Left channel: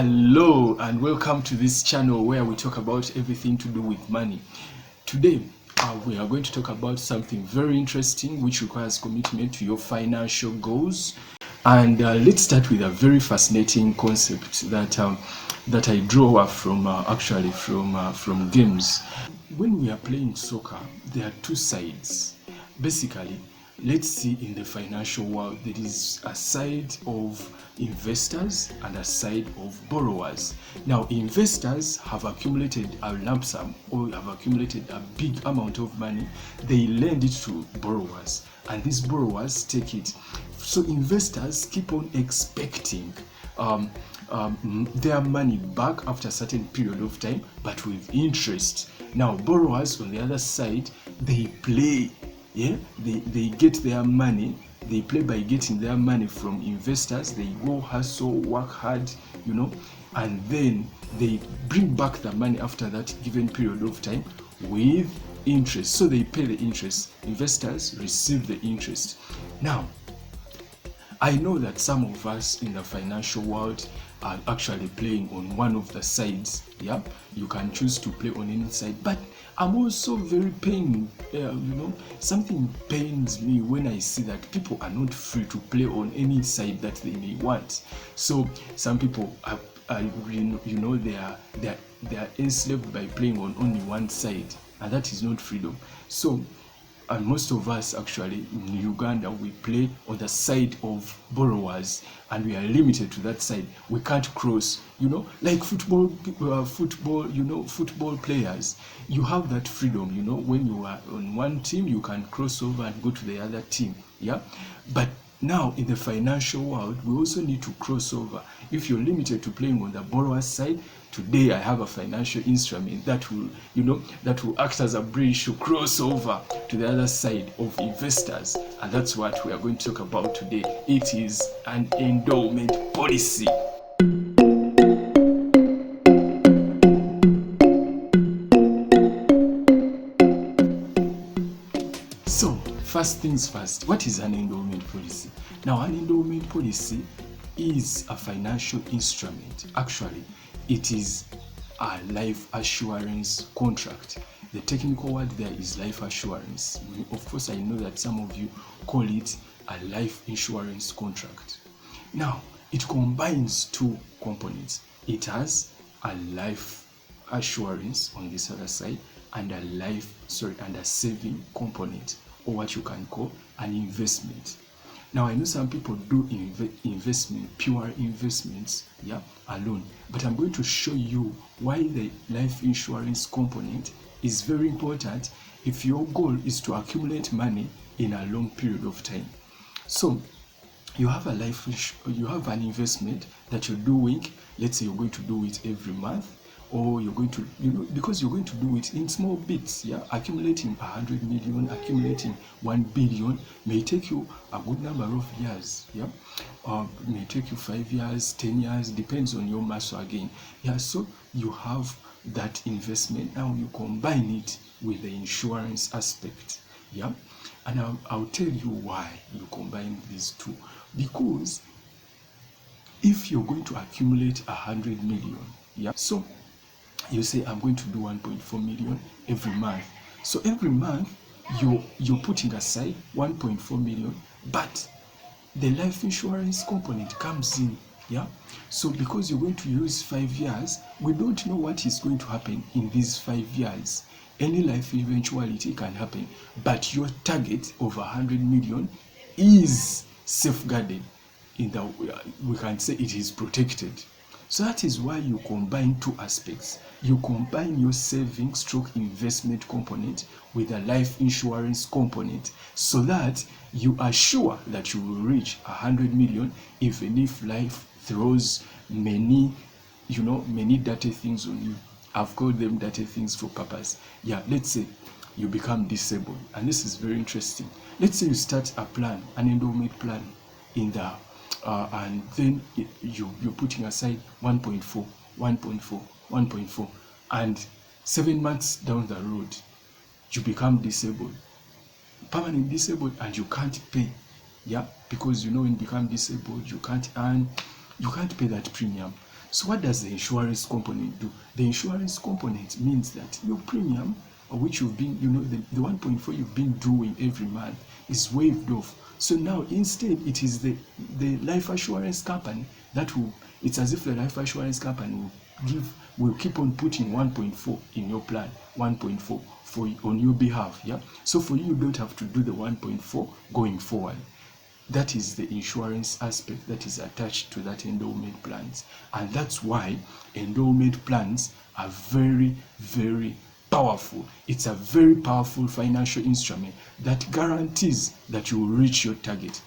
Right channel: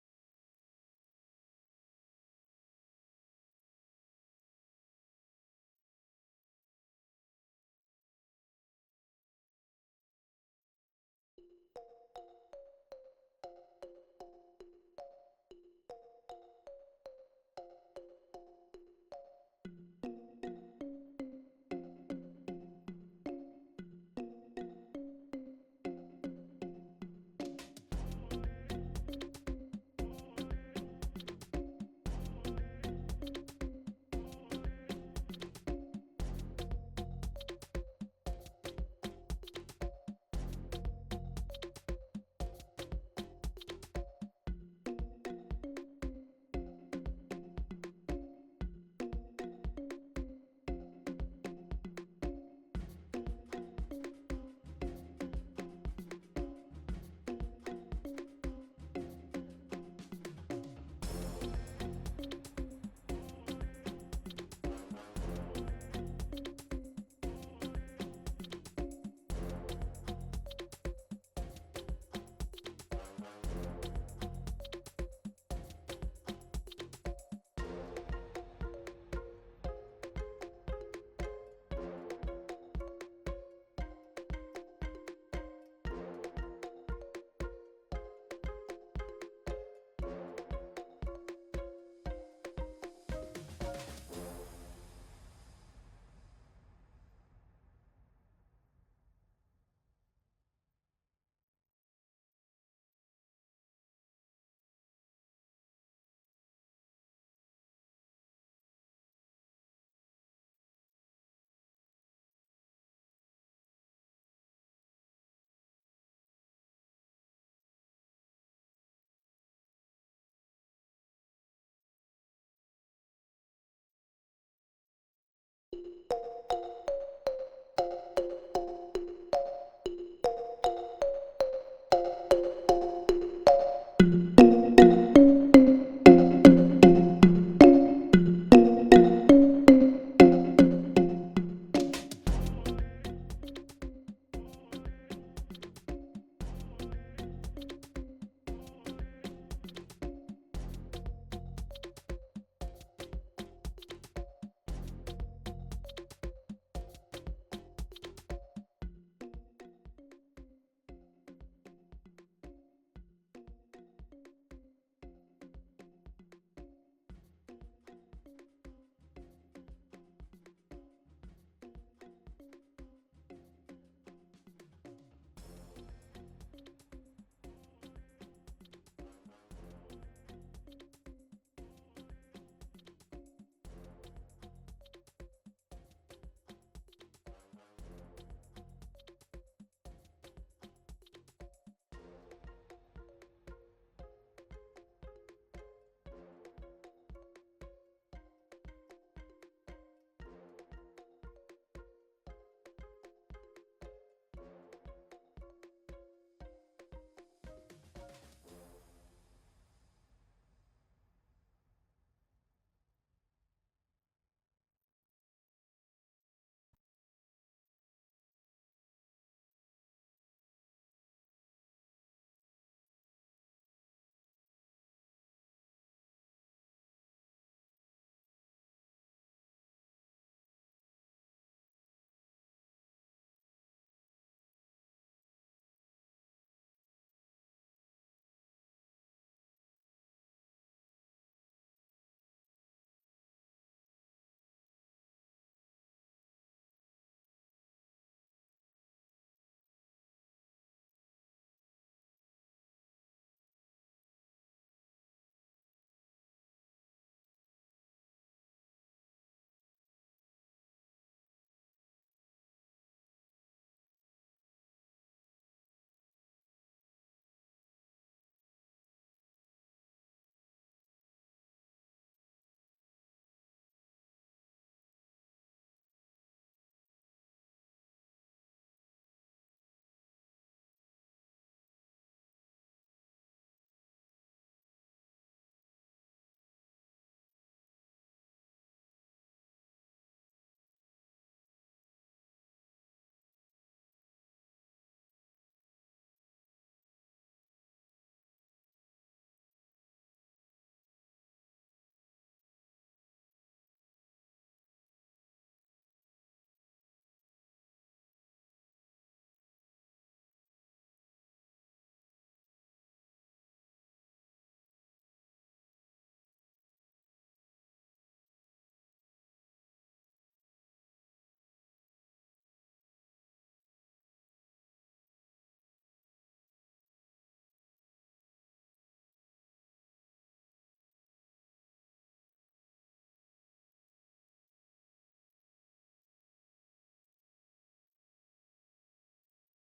Hello and welcome to this channel where we talk about everything to do with money. Today we are going to talk about something very interesting which requires commitment to your financial goals. And let's start with a very fascinating concept that I draw from from games. When we are playing soccer, there are two sides. Basically, let's see, in the financial world, there is a side of investors and a side of borrowers. Now, investors have accumulated a lump sum or have accumulated a big amount of money. They lend it to borrowers, and these borrowers take it. So investors keep on expecting their money back after a certain period of time, but with interest. Now, borrowers on the other side, they play. They get their money. They play by getting their money from investors. They go hustle, work hard, and then they bring back the money after that given period of time with interest. So they pay the interest. Investors receive the interest. Now, I know that some of us in the financial world are actually playing on one of the sides. Yeah, you can choose to play on any side, but I'm also very pained. Something pains me when I see that people are not free to play on any side that they may want. So some people are they are enslaved by playing on only one side, and that is not freedom. So, and most of us actually in Uganda, we play on the side of borrowers, and we are limited to that side. We can't cross, like football players. You have that freedom, when you are on one team, you can cross over and go to the other team. Yeah, but now in the financial world, we also need to cross over. If you're limited to playing on the borrower side, today I have a financial instrument that will act as a bridge to cross over to the other side of investors, and that's what we are going to talk about today. It is an endowment policy. So, first things first, what is an endowment policy? Now, an endowment policy is a financial instrument. Actually, it is a life assurance contract. The technical word there is life assurance. Of course, I know that some of you call it a life insurance contract. Now, it combines two components. It has a life assurance on this other side and a saving component, or what you can call an investment. Now, I know some people do pure investments, alone, but I'm going to show you why the life insurance component is very important if your goal is to accumulate money in a long period of time. So, you have an investment that you're doing. Let's say you're going to do it every month, or you're going to, because you're going to do it in small bits. Accumulating 100 million, accumulating 1 billion may take you a good number of years. May take you 5 years, 10 years, depends on your muscle again. So you have that investment. Now you combine it with the insurance aspect. And I'll tell you why you combine these two. Because if you're going to accumulate 100 million, so you say, I'm going to do 1.4 million every month. So every month you're putting aside 1.4 million, but the life insurance component comes in. So because you're going to use 5 years, we don't know what is going to happen in these 5 years. Any life eventuality can happen, but your target of 100 million is safeguarded. We can say it is protected. So that is why you combine two aspects. You combine your savings stroke investment component with a life insurance component, so that you are sure that you will reach 100 million, even if life throws many dirty things on you. I've called them dirty things for purpose. Let's say you become disabled, and this is very interesting. Let's say you start a plan, an endowment plan, and then you're putting aside 1.4, and 7 months down the road, you become disabled, permanently disabled, and you can't pay. Because when you become disabled, you can't pay that premium. So what does the insurance component do? The insurance component means that your premium, which you've been, the 1.4 you've been doing every month, is waived off. So now instead it is the life assurance company that will, it's as if the life assurance company will keep on putting 1.4 in your plan, 1.4 on your behalf. Yeah. So for you don't have to do the 1.4 going forward. That is the insurance aspect that is attached to that endowment plans. And that's why endowment plans are very, very powerful. It's a very powerful financial instrument that guarantees that you will reach your target.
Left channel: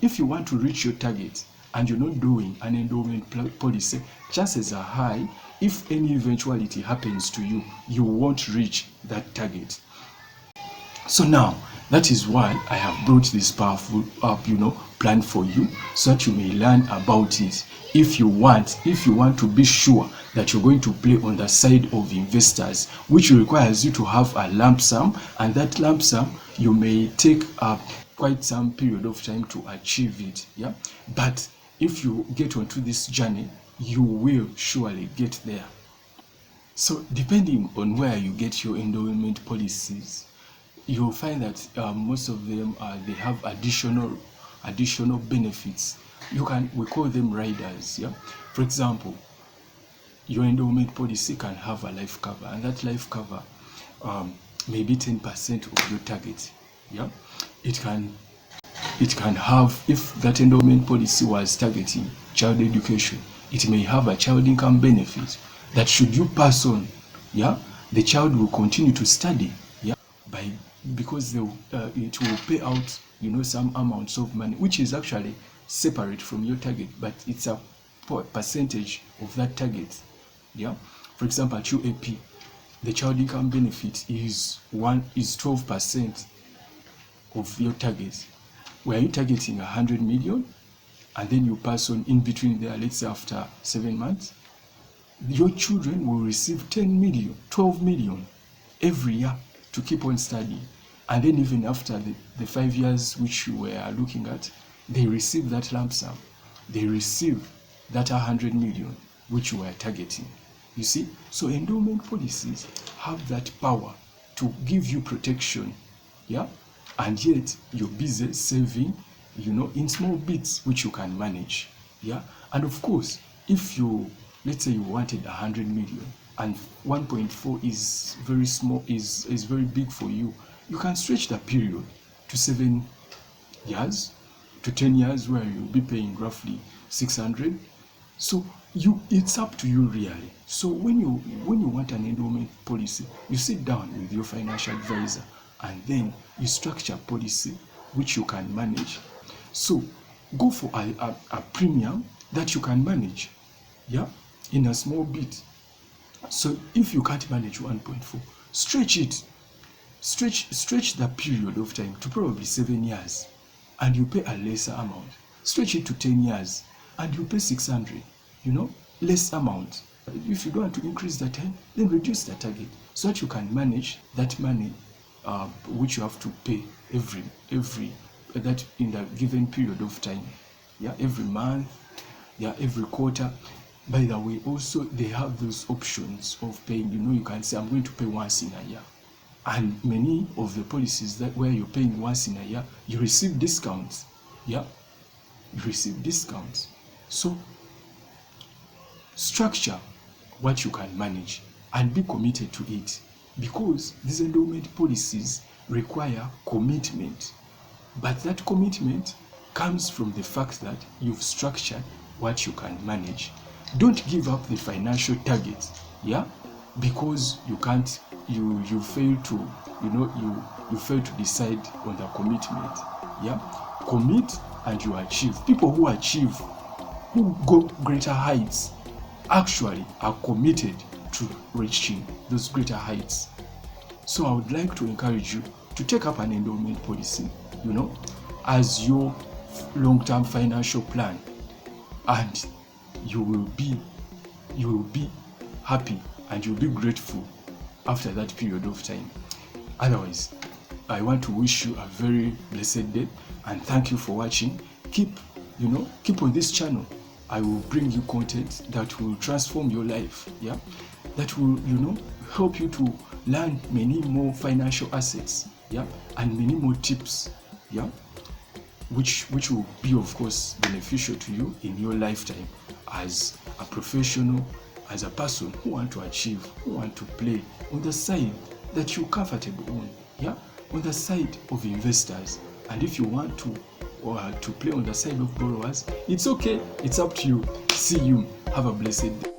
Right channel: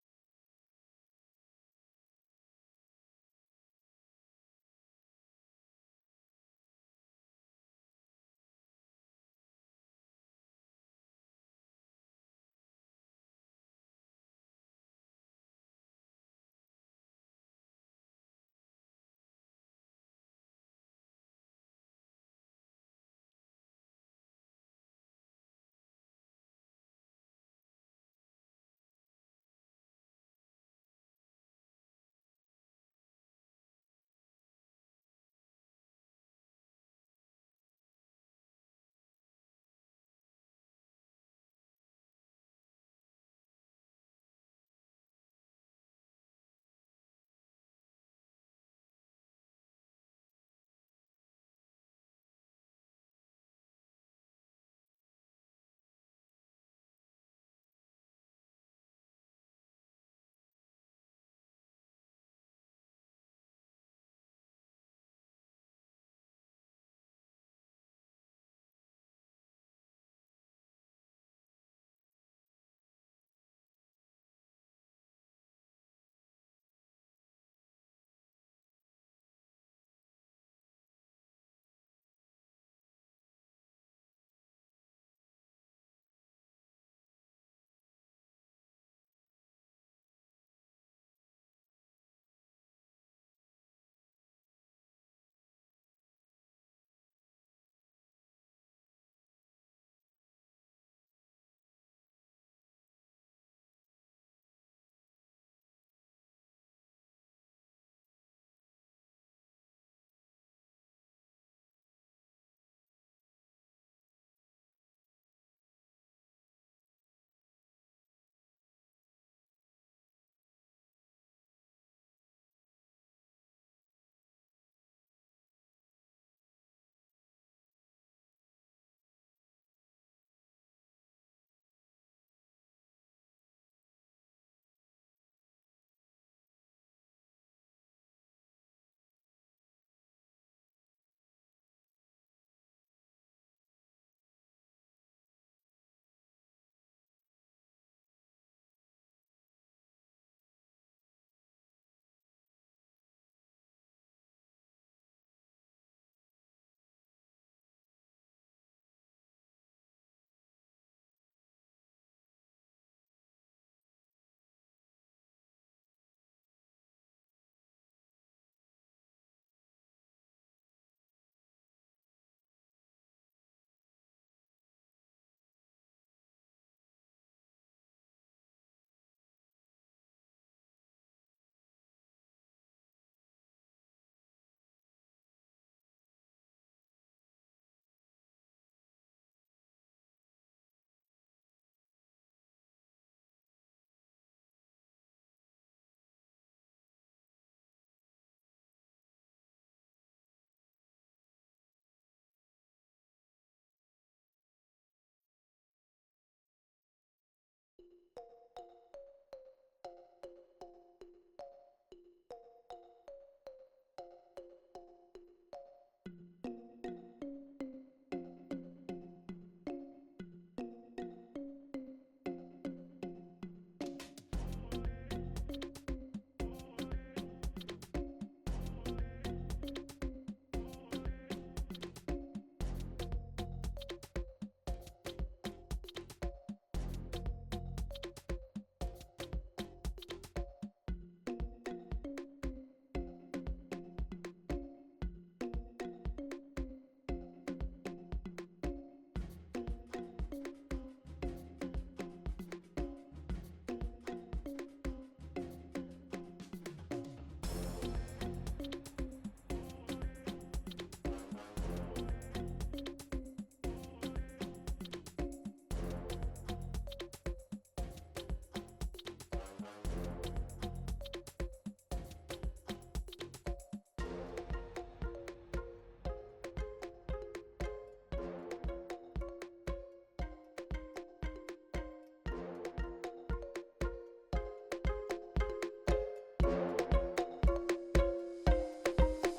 If you want to reach your target and you're not doing an endowment policy, chances are high, if any eventuality happens to you, you won't reach that target. So now, that is why I have brought this powerful plan for you, so that you may learn about it. If you want to be sure that you're going to play on the side of investors, which requires you to have a lump sum, and that lump sum you may take quite some period of time to achieve it. Yeah, but if you get onto this journey, you will surely get there. So depending on where you get your endowment policies, you'll find that most of them they have additional benefits. We call them riders. Yeah, for example, your endowment policy can have a life cover, and that life cover may be 10% of your target. Yeah, it can have, if that endowment policy was targeting child education, it may have a child income benefit that should you pass on, yeah, the child will continue to study, yeah, because it will pay out some amounts of money which is actually separate from your target, but it's a percentage of that target. Yeah, for example, at UAP, the child income benefit is 12% of your target. Were you targeting 100 million and then you pass on in between there, let's say after 7 months, your children will receive 10 million, 12 million every year to keep on studying. And then even after the 5 years which you were looking at, they receive that lump sum. They receive that 100 million which you were targeting. You see? So endowment policies have that power to give you protection. Yeah? And yet you're busy saving, in small bits which you can manage. Yeah? And of course, if let's say you wanted 100 million and 1.4 is very small, is very big for you, you can stretch that period to 7 years, to 10 years, where you'll be paying roughly 600. So it's up to you really. So when you want an endowment policy, you sit down with your financial advisor and then you structure a policy which you can manage. So go for a premium that you can manage, yeah, in a small bit. So if you can't manage 1.4, stretch it. Stretch the period of time to probably 7 years and you pay a lesser amount. Stretch it to 10 years and you pay 600, less amount. If you don't want to increase the time, then reduce the target so that you can manage that money which you have to pay every that in the given period of time. Yeah, every month, yeah, every quarter. By the way, also they have those options of paying. You can say I'm going to pay once in a year. And many of the policies that where you're paying once in a year, you receive discounts. Yeah, you receive discounts. So structure what you can manage and be committed to it, because these endowment policies require commitment. But that commitment comes from the fact that you've structured what you can manage. Don't give up the financial targets, yeah, because you can't, you fail to, you fail to decide on the commitment. Yeah, commit and you achieve. People who achieve, who go greater heights, actually are committed to reaching those greater heights. So I would like to encourage you to take up an endowment policy, as your long-term financial plan, and you will be happy and you'll be grateful after that period of time. Otherwise, I want to wish you a very blessed day and thank you for watching. Keep on this channel I will bring you content that will transform your life, yeah, that will, help you to learn many more financial assets, yeah, and many more tips, yeah, which will be, of course, beneficial to you in your lifetime as a professional, as a person who want to achieve, who want to play on the side that you're comfortable on, yeah, on the side of investors. And if you want to play on the side of borrowers, it's okay. It's up to you. See you. Have a blessed day.